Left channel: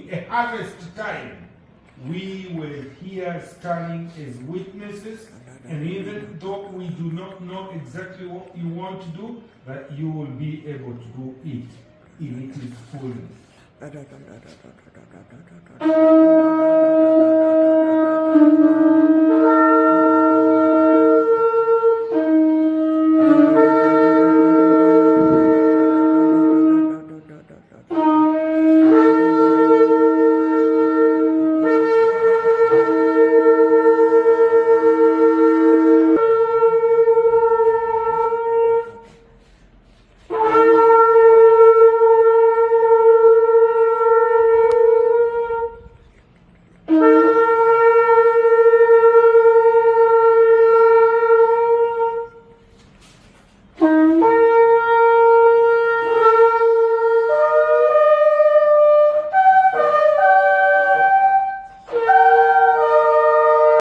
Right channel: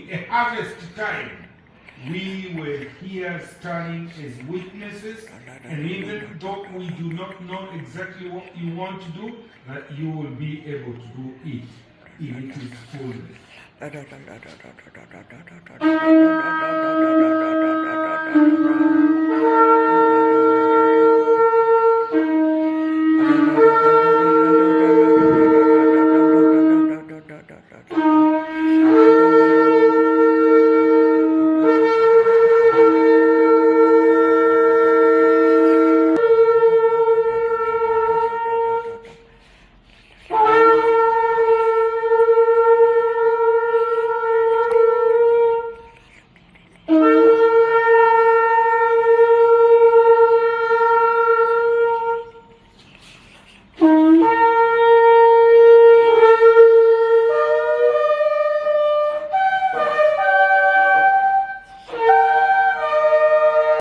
A harvest time, we were here standing as witnesses, and even though we do not know exactly what you want to do, that you will be able to do it in its fullness.